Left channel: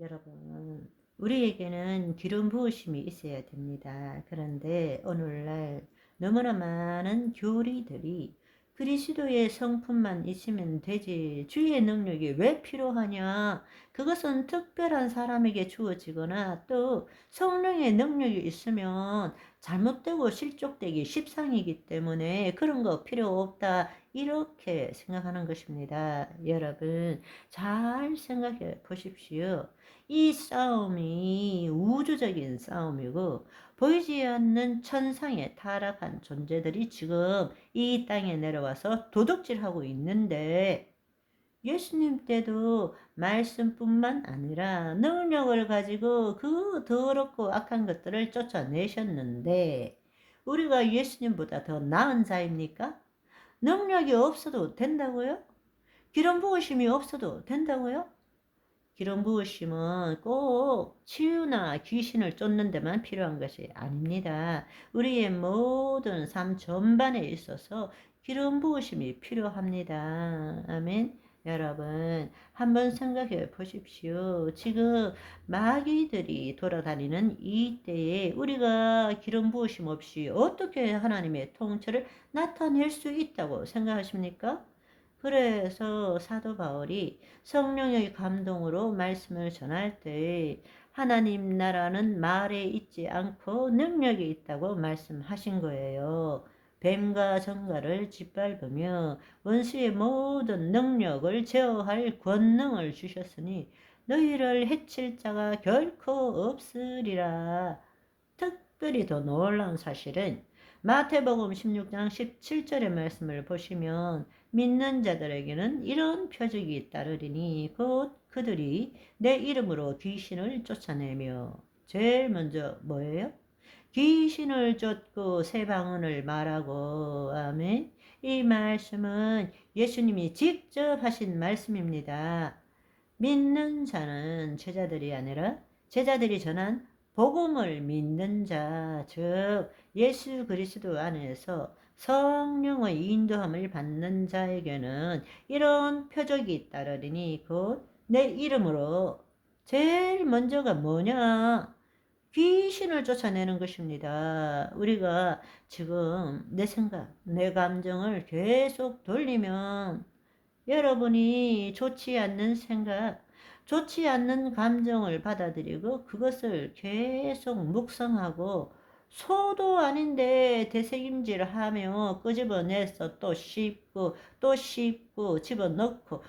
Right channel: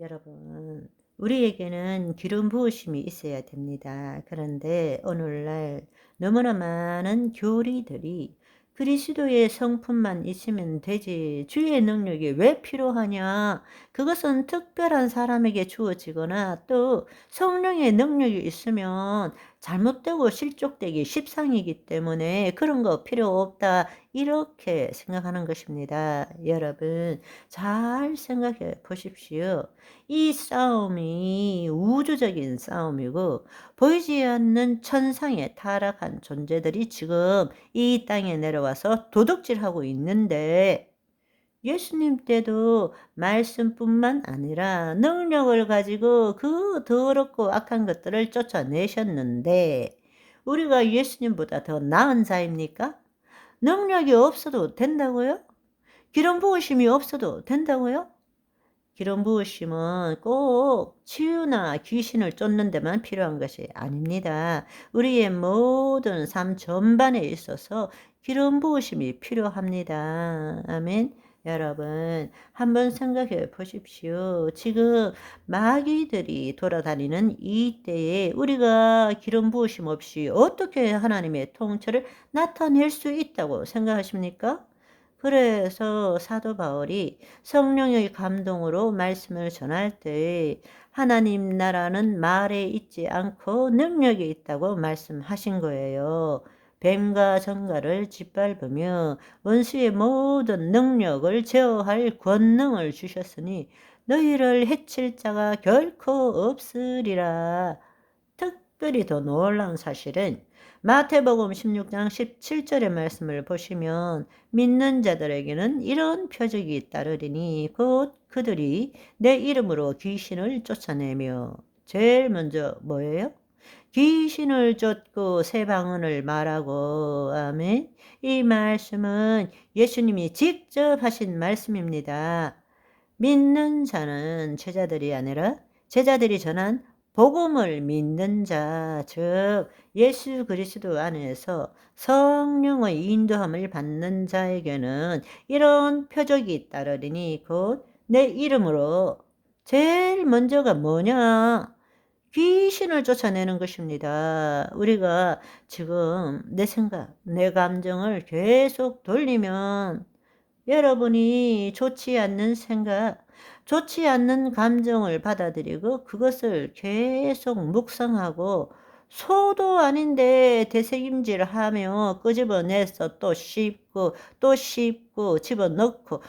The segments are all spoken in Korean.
여러분, 우리에게는 기름 부으심이 있어야 됩니다. 그런데 오늘날 너무나 많은 교리들이 그리스도의 성품만 있으면 되지, 주의 능력이 왜 필요하냐? 그것은 특별한 사람에게 주어지거나 또 성령의 능력이 있으면 잘못되고 실족되기 십상이기 때문에 그런 거 필요 없다. 이렇게 생각하는 것입니다. 여러분, 잘 생각해 보십시오. 이 싸움이 우주적인 싸움이고 보이지 않는 천상에 타락한 존재들이 지금 이 땅에 내려와서 도둑질하고 있는데, 예수님 때도 말씀뿐만 아니라 능력을 가지고 그 더럽고 악한 것들을 쫓아내셨는데, 우리가 예수님보다 더 나은 자입니까? 능력이 없어도 된다고요? 기름 부으심이 없어도 된다고요? 기름 부으심은 꼭 치유나 귀신을 쫓는 데만 필요한 것이 아닙니다. 우리의 모든 삶 전반에 있어서 기름 부으심이 필요합니다. 아멘. 여러분, 한번 생각해 보십시오. 지금 마귀들이 돌아다니는 이 때에 우리가 기름 부으심 없이 어떻게 하나님의 통치를 나타낼 수 있다고 생각하십니까? 그래서 사도 바울이 성령의 감동으로 말씀을 전할 때 하나님 나라는 말에 있지 않고 능력이 있다고 말씀하신 거예요. 뱀과 정갈을 짓밟으며 원수의 모든 능력을 제어할 권능을 주셨으니 너희를 해칠 자가 결코 없으리라. 특별히 더 놀라운 사실은 마태복음 16장 17절의 말씀을 보시면 믿는 자들에게는 이런 표적이 따르리니 곧 그들이 내 이름으로 귀신을 쫓아내며, 제일 먼저 뭐예요? 귀신을 쫓고 새 방언을 말하고. 아멘. 이 말씀은 예수님이 직접 하신 말씀입니다. 믿는 자는 제자들이 아니라 제자들이 전한 복음을 믿는 자, 즉 예수 그리스도 안에서 성령의 인도함을 받는 자에게는 이런 표적이 따르리니 곧 내 이름으로. 제일 먼저가 뭐냐? 귀신을 쫓아내는 것입니다. 우리가 지금 내 생각, 내 감정을 계속 돌리면 여러분이 좋지 않는 생각, 좋지 않는 감정을 받아들이고 그것을 계속 묵상하고 소도 아닌데 되새김질 하며 끄집어내서 또 씹고 또 씹고 집어넣고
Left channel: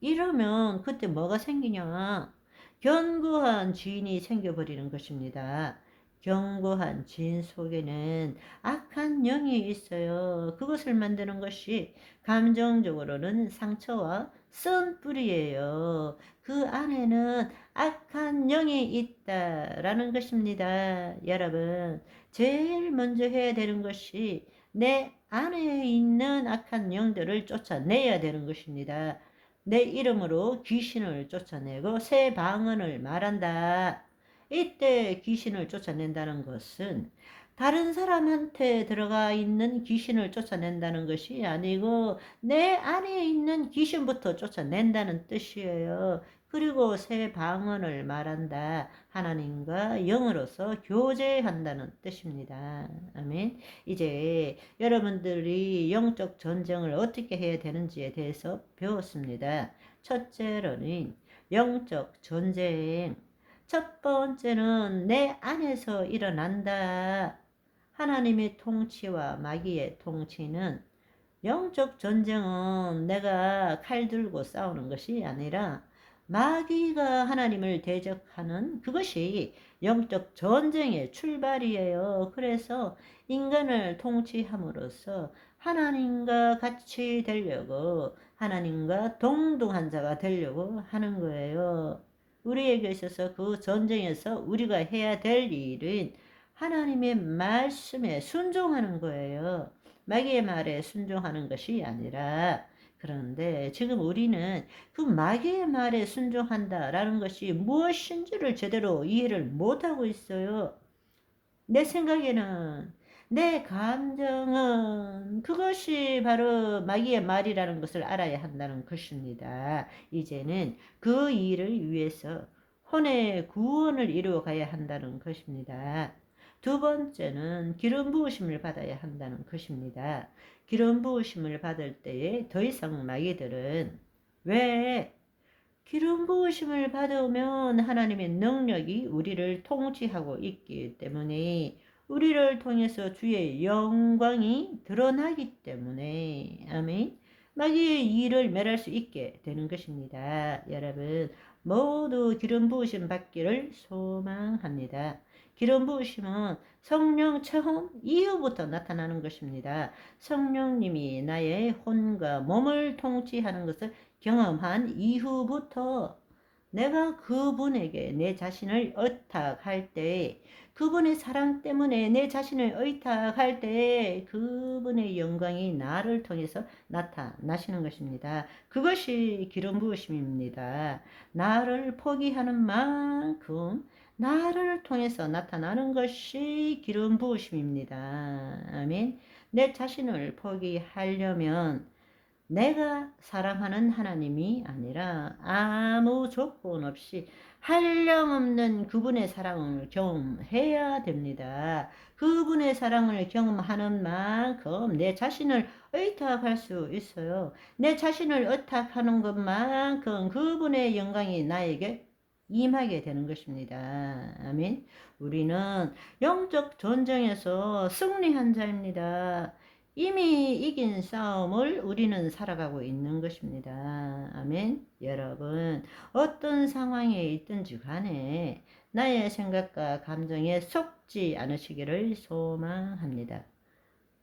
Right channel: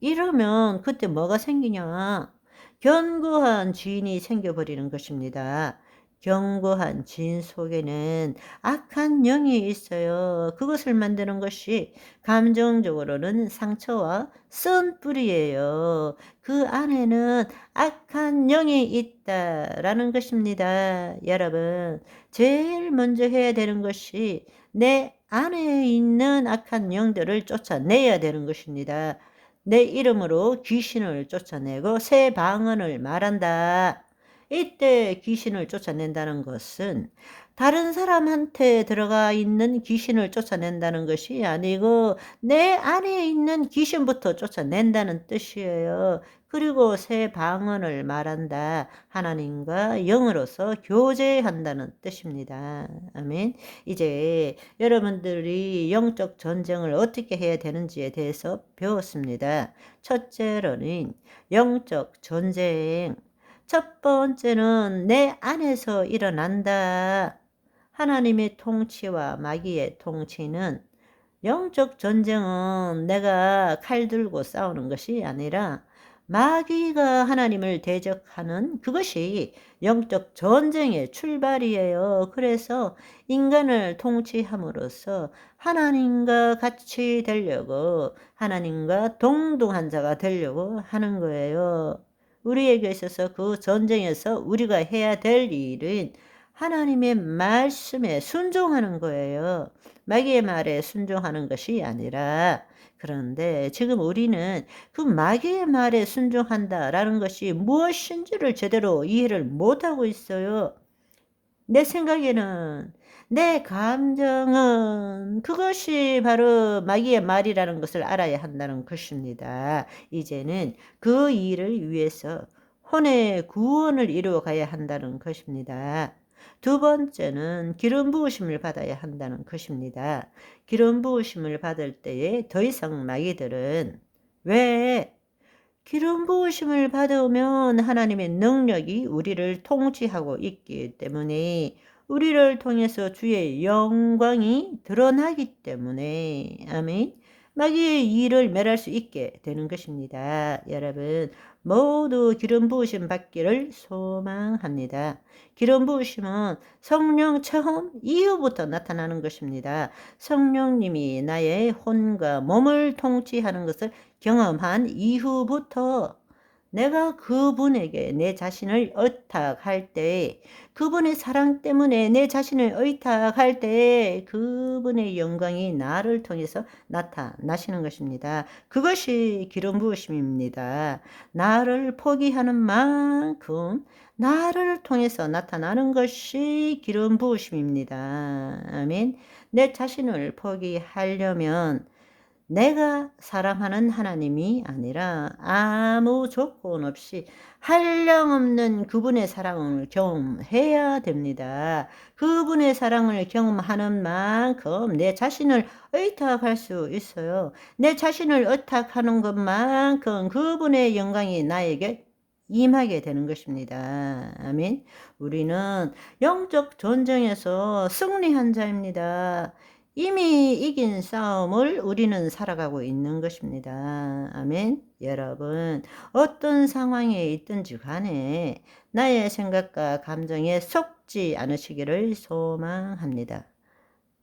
이러면 그때 뭐가 생기냐? 견고한 지인이 생겨버리는 것입니다. 견고한 지인 속에는 악한 영이 있어요. 그것을 만드는 것이 감정적으로는 상처와 쓴 뿌리예요. 그 안에는 악한 영이 있다라는 것입니다. 여러분, 제일 먼저 해야 되는 것이 내 안에 있는 악한 영들을 쫓아내야 되는 것입니다. 내 이름으로 귀신을 쫓아내고 새 방언을 말한다. 이때 귀신을 쫓아낸다는 것은 다른 사람한테 들어가 있는 귀신을 쫓아낸다는 것이 아니고 내 안에 있는 귀신부터 쫓아낸다는 뜻이에요. 그리고 새 방언을 말한다. 하나님과 영으로서 교제한다는 뜻입니다. 아멘. 이제 여러분들이 영적 전쟁을 어떻게 해야 되는지에 대해서 배웠습니다. 첫째로는 영적 전쟁. 첫 번째는 내 안에서 일어난다. 하나님의 통치와 마귀의 통치는, 영적 전쟁은 내가 칼 들고 싸우는 것이 아니라 마귀가 하나님을 대적하는 그것이 영적 전쟁의 출발이에요. 그래서 인간을 통치함으로써 하나님과 같이 되려고, 하나님과 동등한 자가 되려고 하는 거예요. 우리에게 있어서 그 전쟁에서 우리가 해야 될 일은 하나님의 말씀에 순종하는 거예요. 마귀의 말에 순종하는 것이 아니라. 그런데 지금 우리는 그 마귀의 말에 순종한다라는 것이 무엇인지를 제대로 이해를 못하고 있어요. 내 생각에는, 내 감정은 그것이 바로 마귀의 말이라는 것을 알아야 한다는 것입니다. 이제는 그 일을 위해서 혼의 구원을 이루어 가야 한다는 것입니다. 두 번째는 기름 부으심을 받아야 한다는 것입니다. 기름 부으심을 받을 때에 더 이상 마귀들은 왜 기름 부으심을 받으면 하나님의 능력이 우리를 통치하고 있기 때문에 우리를 통해서 주의 영광이 드러나기 때문에 아멘. 마귀의 일을 멸할 수 있게 되는 것입니다. 여러분 모두 기름 부으심 받기를 소망합니다. 기름 부으심은 성령 처음 이후부터 나타나는 것입니다. 성령님이 나의 혼과 몸을 통치하는 것을 경험한 이후부터 내가 그분에게 내 자신을 의탁할 때, 그분의 사랑 때문에 내 자신을 의탁할 때 그분의 영광이 나를 통해서 나타나시는 것입니다. 그것이 기름 부으심입니다. 나를 포기하는 만큼 나를 통해서 나타나는 것이 기름 부으심입니다. 아멘. 내 자신을 포기하려면 내가 사랑하는 하나님이 아니라 아무 조건 없이 한량없는 그분의 사랑을 경험해야 됩니다. 그분의 사랑을 경험하는 만큼 내 자신을 의탁할 수 있어요. 내 자신을 의탁하는 것만큼 그분의 영광이 나에게 임하게 되는 것입니다. 아멘. 우리는 영적 전쟁에서 승리한 자입니다. 이미 이긴 싸움을 우리는 살아가고 있는 것입니다. 아멘. 여러분, 어떤 상황에 있든지 간에 나의 생각과 감정에 속지 않으시기를 소망합니다.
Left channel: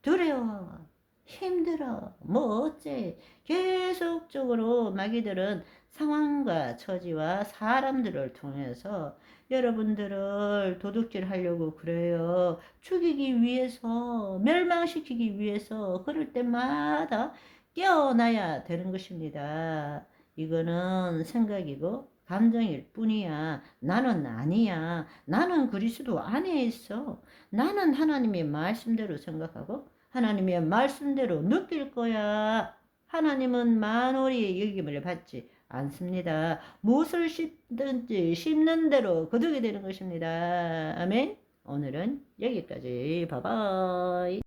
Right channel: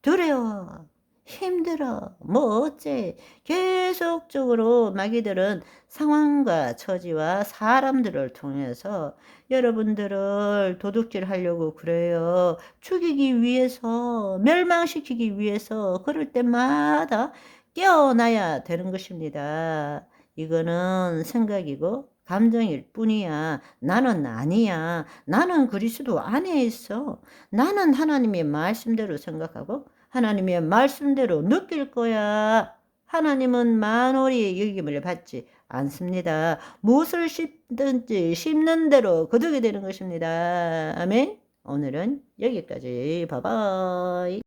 두려워, 힘들어, 뭐 어째 계속적으로 마귀들은 상황과 처지와 사람들을 통해서 여러분들을 도둑질하려고 그래요. 죽이기 위해서, 멸망시키기 위해서 그럴 때마다 깨어나야 되는 것입니다. 이거는 생각이고 감정일 뿐이야. 나는 아니야. 나는 그리스도 안에 있어. 나는 하나님의 말씀대로 생각하고 하나님의 말씀대로 느낄 거야. 하나님은 만월의 여김을 받지 않습니다. 무엇을 심는 대로 거두게 되는 것입니다. 아멘. 오늘은 여기까지. 바이바이.